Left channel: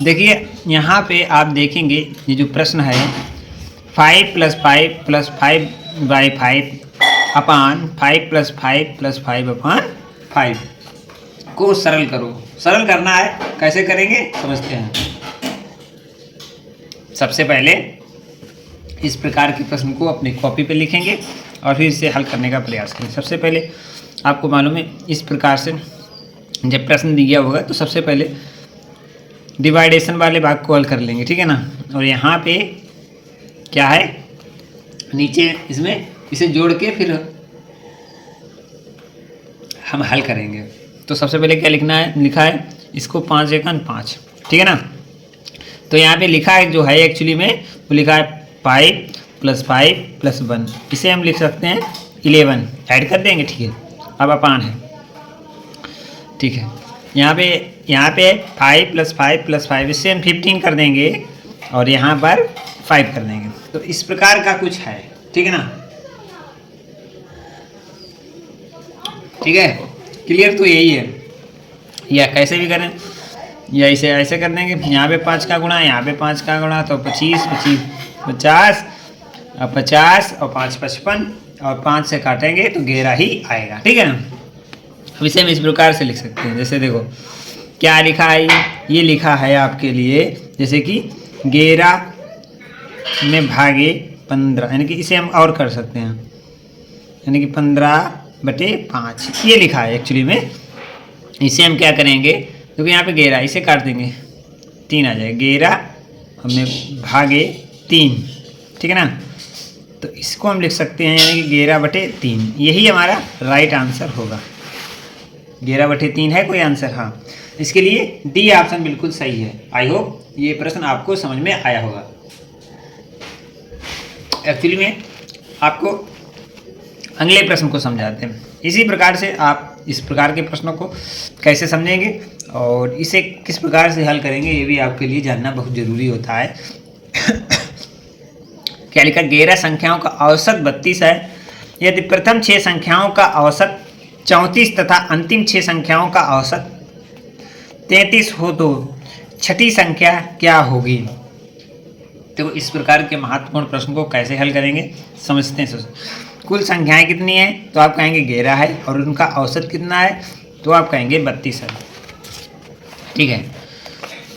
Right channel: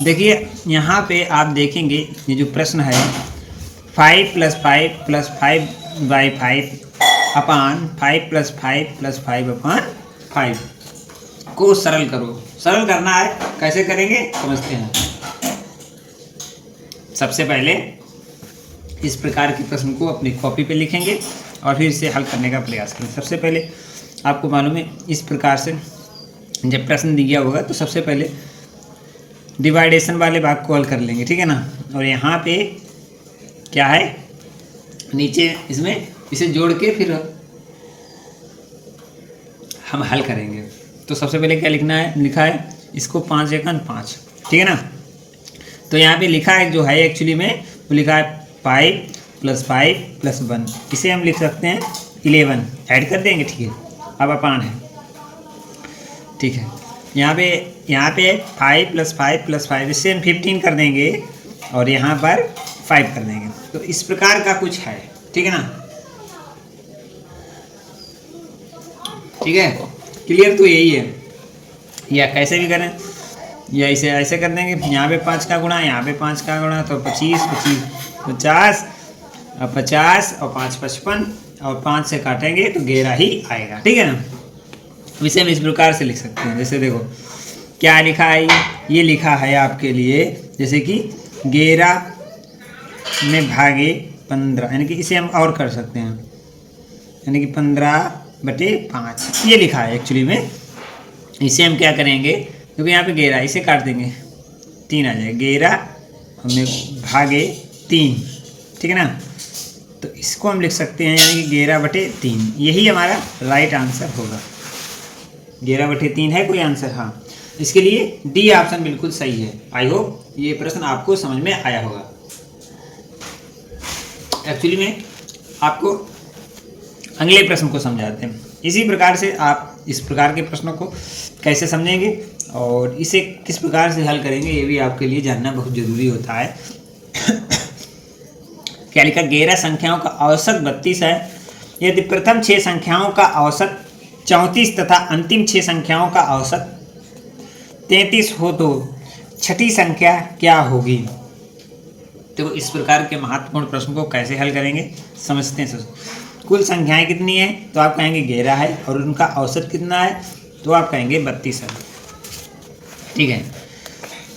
देखिए यहाँ पे आप देखेंगे ये जो प्रश्न है 5 + 5 + 5/5 अपान 5 + 5 + 5/5 को सरल करो। सरल करना है, कैसे करेंगे समझते हैं। सबसे पहले इस प्रकार के प्रश्न को अपनी कॉपी पे लिखेंगे और फिर इसे हल करने का प्रयास करें। सबसे पहले आपको मालूम है इस प्रकार से जब प्रश्न दिया होगा तो सबसे पहले डिवाइडेशन वाले भाग को हल कर लेंगे, ठीक है ना। और यहाँ पे क्या है, नीचे इसमें इसे जोड़ के फिर हम हल करेंगे। तो सबसे पहले क्या लिखना है, लिखा है इसको 5 × 5, ठीक है ना। तो यहाँ पे लिखा है जो है एक्चुअली में वो लिखा है 5 + 5 + 1, इसे हम लिख सकते हैं 11, ऐड कर देंगे, ठीक है। अब अपान है, ठीक है। यहाँ पे 5 + 5 + 5, इससे हम 15 कर देंगे और यहाँ पर 5 कर देंगे। तो इस प्रकार का कुछ है, ठीक है ना। ठीक है, क्लियर तो यही है। या कैसे भी करें, या इसे ऐसे कर देंगे, यहाँ पे 5 का गुणा, यहाँ पे 5 का गुणा, तो 25 50 और 50 और 5 55 और 5 से काटेंगे तो 11 ही आएगा, ठीक है ना। अब इसे हम इस प्रकार से लिख सकते हैं, जैसे देखो क्या लिखा है, ये लिखा है आपके लिए जैसे कि 11 में भागे 15, यानी कि इसे हम और कर सकते हैं, यानी कि 15/5 ये लिखा है एक्चुअली में। इसे हम क्या करेंगे, क्योंकि यहाँ पे 11 इसे काट देंगे, 3 आ जाएगा, 11 में भागे 3, ठीक है ना। तो इसको हम लिख सकते हैं यानी कि 11/3, यही हमारा राइट आंसर होगा। 11/3 है कोई आंसर, हाँ। इसके लिए डी ऑप्शन बिल्कुल सही है। आई होप ये प्रश्न आपको समझ में आया होगा। एक्चुअली में आपको अगले प्रश्न को समझाते हैं। इसी प्रकार से आप इस प्रकार के प्रश्नों को कैसे समझेंगे और इसे किस प्रकार से हल करेंगे ये भी आपके लिए जानना बहुत ज़रूरी होता है। क्या लिखा, 11 संख्याओं का औसत 32 है। यदि प्रथम 6 संख्याओं का औसत 34 तथा अंतिम 6 संख्याओं का औसत 33 हो तो छठी संख्या क्या होगी। तो इस प्रकार के महत्वपूर्ण प्रश्न को कैसे हल करेंगे समझते हैं। कुल संख्याएं कितनी है, तो आप कहेंगे 11 है, और उनका औसत कितना है, तो आप कहेंगे 32 है, ठीक है।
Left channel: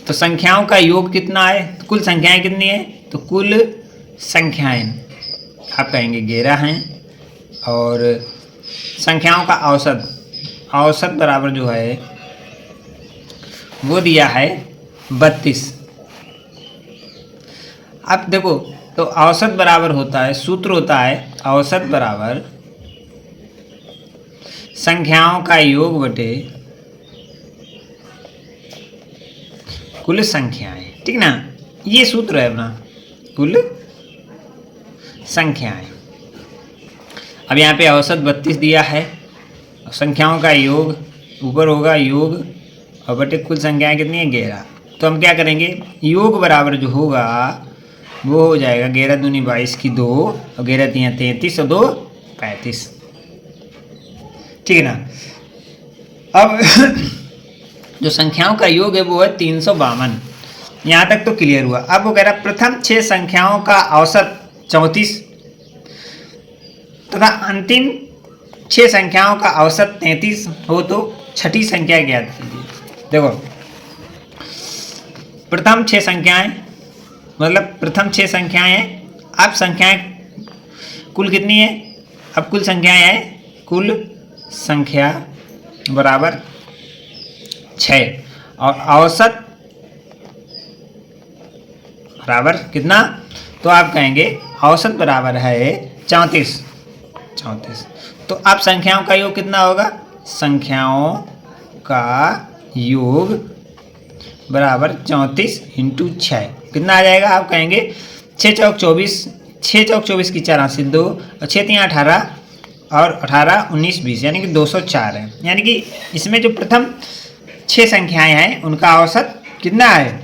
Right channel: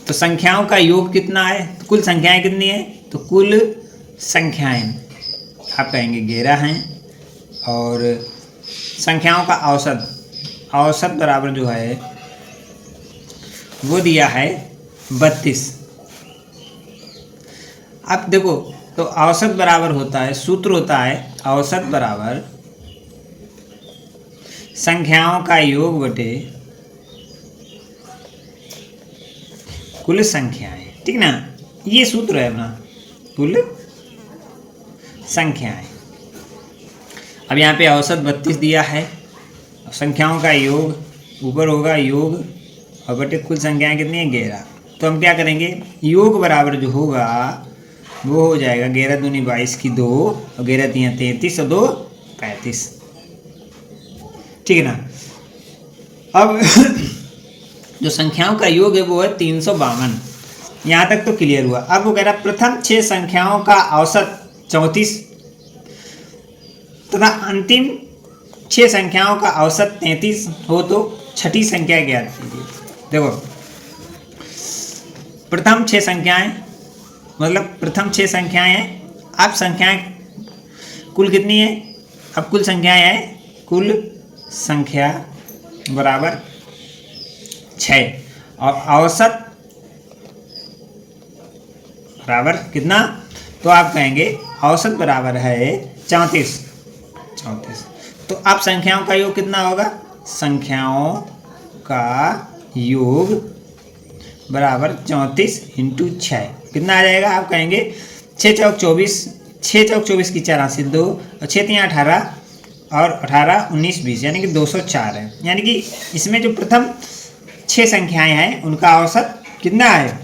तो संख्याओं का योग कितना है, तो कुल संख्याएं कितनी है, तो कुल संख्याएं आप कहेंगे 11 हैं, और संख्याओं का औसत बराबर जो है वो दिया है 32। अब देखो, तो औसत बराबर होता है, सूत्र होता है औसत बराबर संख्याओं का योग बटे कुल संख्याएं, ठीक ना। ये सूत्र है अपना, कुल संख्याएं। अब यहाँ पे औसत 32 दिया है, संख्याओं का योग ऊपर होगा योग और बटे कुल संख्याएं कितनी है 11। तो हम क्या करेंगे, योग बराबर जो होगा वो हो जाएगा 11 दूनी 22 की 2 और 11 3 33 और 2 35, ठीक है ना। अब जो संख्याओं का योग है वो है 352। यहाँ तक तो क्लियर हुआ। अब वो कह रहा प्रथम 6 संख्याओं का औसत 34 तथा अंतिम 6 संख्याओं का औसत 33 हो तो छठी संख्या ज्ञात कीजिए। देखो, प्रथम 6 संख्याएं मतलब प्रथम 6 संख्याएं हैं। अब संख्याएं कुल कितनी है, अब कुल संख्याएं हैं, कुल संख्या बराबर 6 और औसत बराबर कितना, तो आप कहेंगे औसत बराबर है 34। तो अब संख्याओं का योग कितना होगा, संख्याओं का योग बराबर 34 × 6 कितना आ जाएगा, आप कहेंगे 6 चौक 24, 6 चौक 24 की 4 हासिल 2 और 6 3 18 और 18 19 20 यानी कि 204 है। यानी कि इसमें जो प्रथम 6 संख्याएं हैं उनका औसत कितना है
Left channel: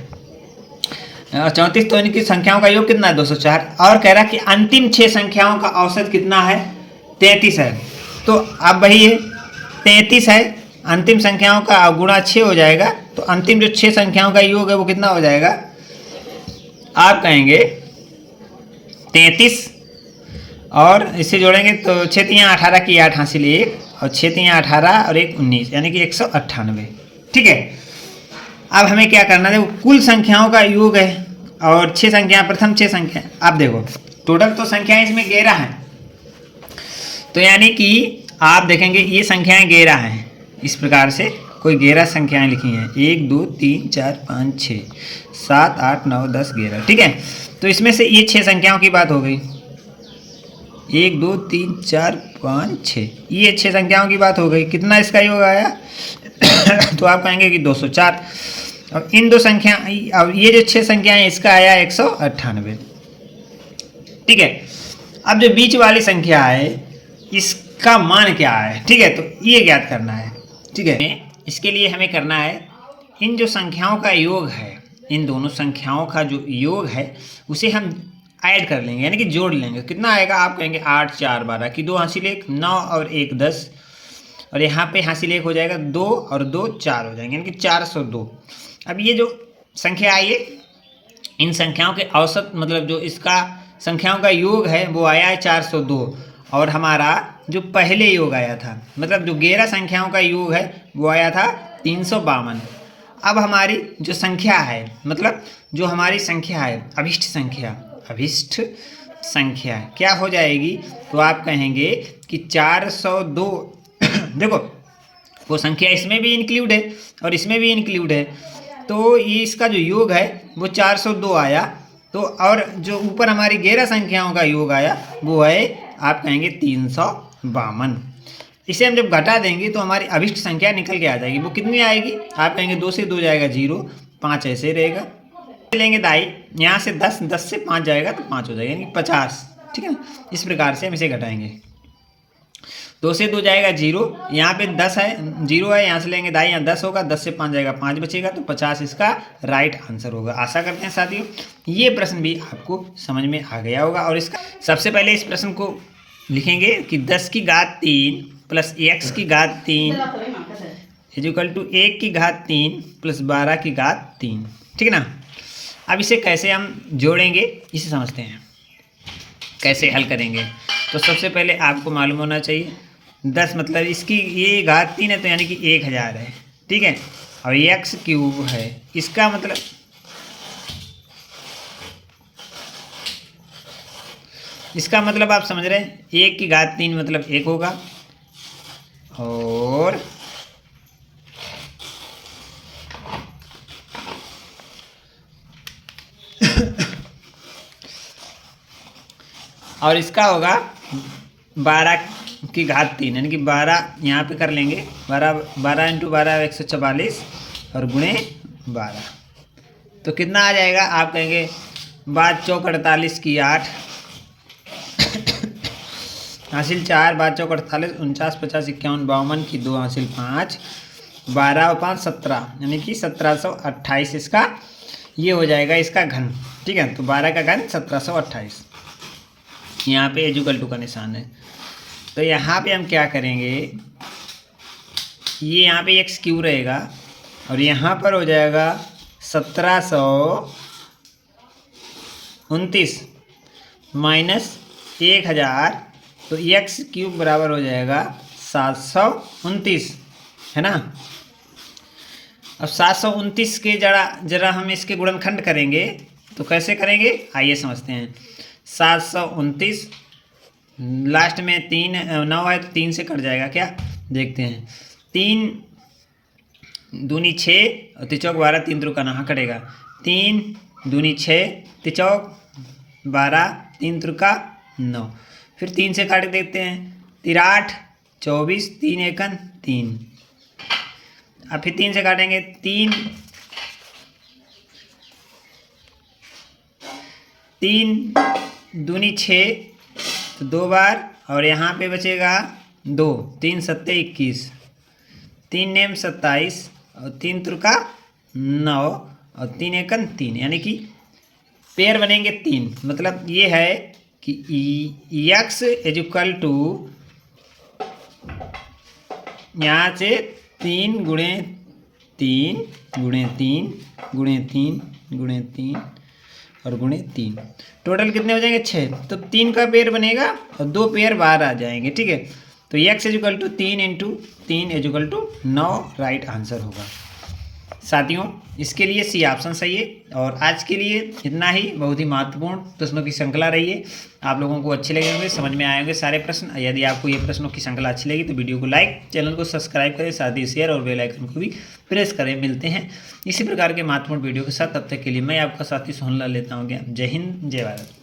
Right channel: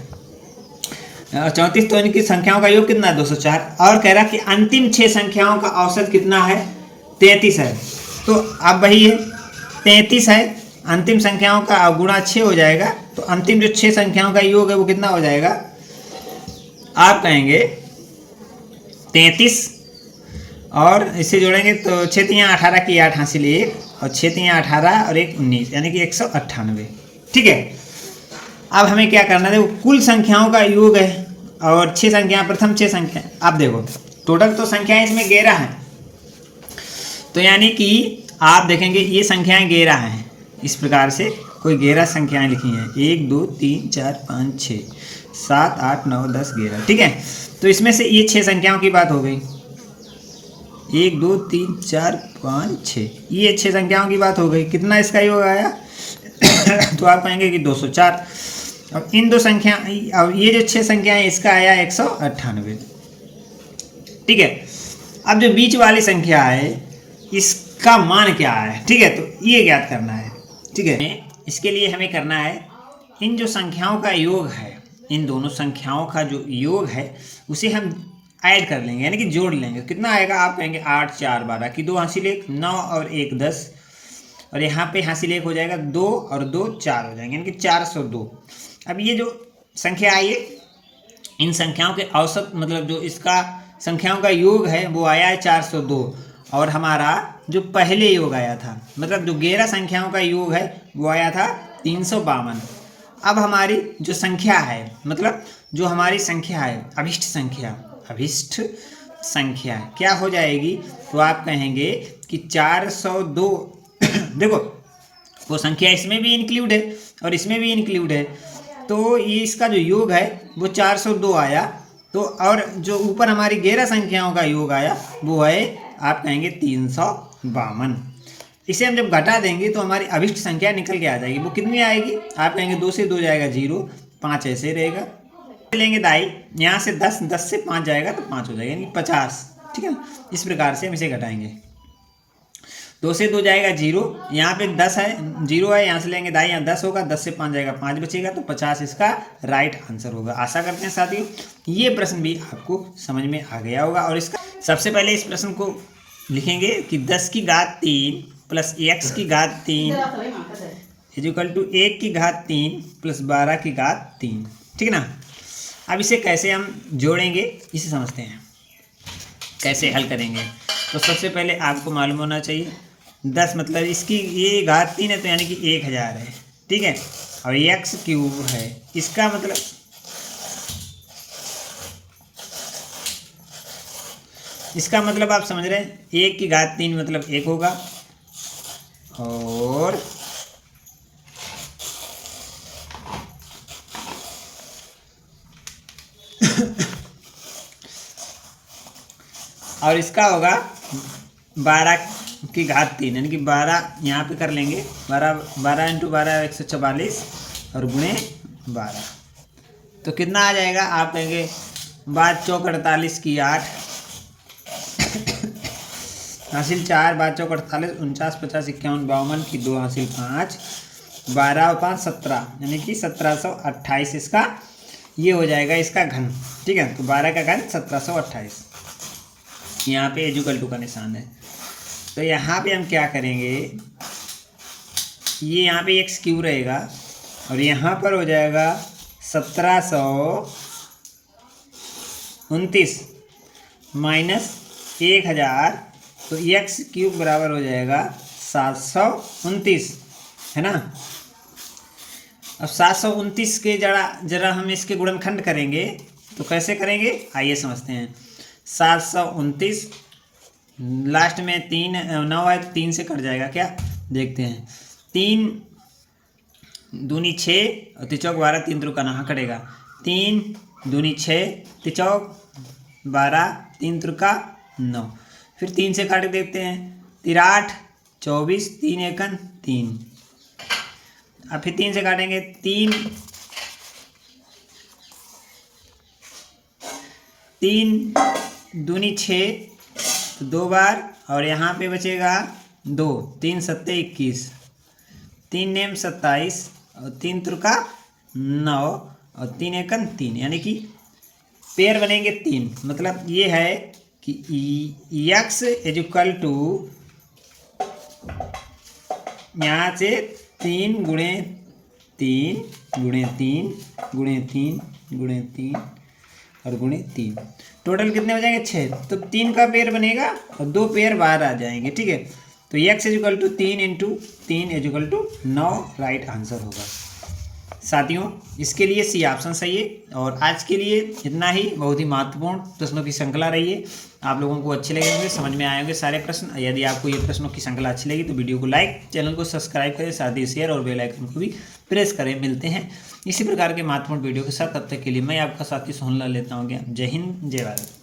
34, तो इनकी संख्याओं का योग कितना है 204। और कह रहा कि अंतिम 6 संख्याओं का औसत कितना है 33 है। तो अब वही है 33 है, अंतिम संख्याओं का गुणा 6 हो जाएगा, तो अंतिम जो 6 संख्याओं का योग है वो कितना हो जाएगा, आप कहेंगे 33, और इससे जोड़ेंगे तो 6 3 18 की 8 हासिल 1, और 6 3 18 और 1 19, यानी कि 198। ठीक है, अब हमें क्या करना है, देखो कुल संख्याओं का योग है और 6 संख्या, प्रथम 6 संख्या, आप देखो टोटल तो संख्याएं इसमें 11 हैं, तो यानी कि आप देखेंगे ये संख्याएं 11 हैं, इस प्रकार से कोई 11 संख्याएं लिखी हैं, 1 2 3 4 5 6 7 8 9 10 11। ठीक है, तो इसमें से ये 6 संख्याओं की बात हो गई, 1 2 3 4 5 6, ये 6 संख्याओं की बात हो गई। कितना इसका योग आया तो आप कहेंगे कि 204। अब इन दो संख्या, अब ये जो 6 संख्याएं इसका आया 198। ठीक है, अब जो बीच वाली संख्या है इसका मान क्या है, ठीक है, तो ये ज्ञात करना है। ठीक है, इसके लिए हमें करना है, इन जो संख्याओं का योग है, इन दोनों संख्याओं का जो योग है उसे हम ऐड कर लेंगे, यानी कि जोड़ लेंगे। कितना आएगा, आप कहेंगे 8 4 12 की 2 हासिल 1 9 और 1 10, और यहाँ पे हासिल 1 हो जाएगा 2 और 2 4 हो जाएंगे, यानी कि 402। अब ये जो संख्या आई है, इन संख्याओं के औसत मतलब जो इसका संख्याओं का योग है वो आया है 402, और हमारा जो पहले योग आया था, मतलब जो 11 संख्याओं का योग है वो आया था 352। अब हमारी जो संख्या है, मतलब जो हमारी संख्या है अभिष्ट संख्या, अभिष्ट संख्या क्या हो जाएगी, तो आप कहेंगे कि 402 देखो वो संख्या इसमें भी इंक्लूड है और इसमें भी इंक्लूड है, तो ये इसका जो योग है वो 402 आया। तो और जो ऊपर हमारी 11 संख्याओं का योग आया वो है, आप कहेंगे 352। इसे हम जब घटा देंगे तो हमारी अभिष्ट संख्या निकल के आ जाएगी। वो कितनी आएगी, आप कहेंगे 2 से 2 जाएगा 0, 5 ऐसे रहेगा, लेंगे दाई, यहाँ से 10, 10 से 5 जाएगा तो 5 हो जाएगा, यानी 50। ठीक है, इस प्रकार से हम इसे घटाएंगे। 2 से 2 जाएगा 0, यहाँ पे 10 है 0 है, यहाँ से लेंगे दाई, यहाँ 10 होगा, 10 से 5 जाएगा 5 बचेगा, तो 50 इसका राइट आंसर होगा। आशा करते हैं साथियों ये प्रश्न भी आपको समझ में आ गया होगा। और इसका सबसे पहले इस प्रश्न को लिखेंगे कि 10 की घात 3 प्लस x की घात 3 इक्वल टू 1 की घात 3 प्लस 12 की घात 3। ठीक है ना, अब इसे कैसे हम जोड़ेंगे इसे समझते हैं, कैसे हल करेंगे। तो सबसे पहले आपको मालूम होना चाहिए 10 मतलब इसकी ये घात 3 है, तो यानी कि 1000 है। ठीक है, और x क्यूब है, इसका मतलब आप समझ रहे हैं, 1 की घात 3 मतलब 1 होगा, और इसका होगा 12 की घात 3, यानी कि 12 यहाँ पे कर लेंगे, 12 इंटू 12 144 और गुणे 12, तो कितना आ जाएगा, आप कहेंगे 5 चौक 48 की 8 हासिल 4, 5 चौक 48 49 50 51 52 की 2 हासिल 5, 12 और 5 17, यानी कि 1728 इसका ये हो जाएगा इसका घन। ठीक है, तो 12 का घन 1728, यहाँ पे इक्वल टू का निशान है। तो यहाँ पे हम क्या करेंगे, ये यहाँ पे x क्यूब रहेगा और यहाँ पर हो जाएगा 1729 माइनस 1000, तो x क्यूब बराबर हो जाएगा 729, है ना। अब 729 के जरा हम इसके गुणनखंड करेंगे, तो कैसे करेंगे आइए समझते हैं। 729 लास्ट में 3 9 है तो 3 से कट जाएगा क्या, देखते हैं। 3 दूनी 6 और तिचौक 12, 3 त्रुका कहाँ कटेगा, 3 दूनी 6 तिचौक 12 3 त्रुका 9, फिर 3 से काट देखते हैं, 3 24 3 एकन 3, अब फिर 3 से काटेंगे, 3 दूनी 6 तो 2 बार, और यहाँ पे बचेगा 2, 3 सत्ते 21, 3 नेम 27 और 3 त्रुका 9 और 3 एकन 3, यानी कि पेयर बनेंगे 3। मतलब ये है कि x इक्वल टू यहाँ से 3 गुणे 3 गुणे 3 गुणे 3 गुणे 3 और गुणे 3, टोटल कितने हो जाएंगे 6। तो 3 का पेयर बनेगा और 2 पेयर बाहर आ जाएंगे, ठीक है। तो x is equal to 3 into 3 is equal to 9 right answer होगा। साथियों इसके लिए सी ऑप्शन सही है। और आज के लिए इतना ही, बहुत ही महत्वपूर्ण प्रश्नों की श्रृंखला रही है। आप लोगों को अच्छे लगे होंगे, समझ में आए होंगे सारे प्रश्न। यदि आपको ये प्रश्नों की श्रृंखला अच्छी लगी तो वीडियो को लाइक, चैनल को सब्सक्राइब करें, साथ ही शेयर और बेल आइकन को भी प्रेस करें। मिलते हैं इसी प्रकार के महत्वपूर्ण वीडियो के साथ, तब तक के लिए मैं आपका साथी सोहनलाल लेता हूँ। जय हिंद, जय भारत।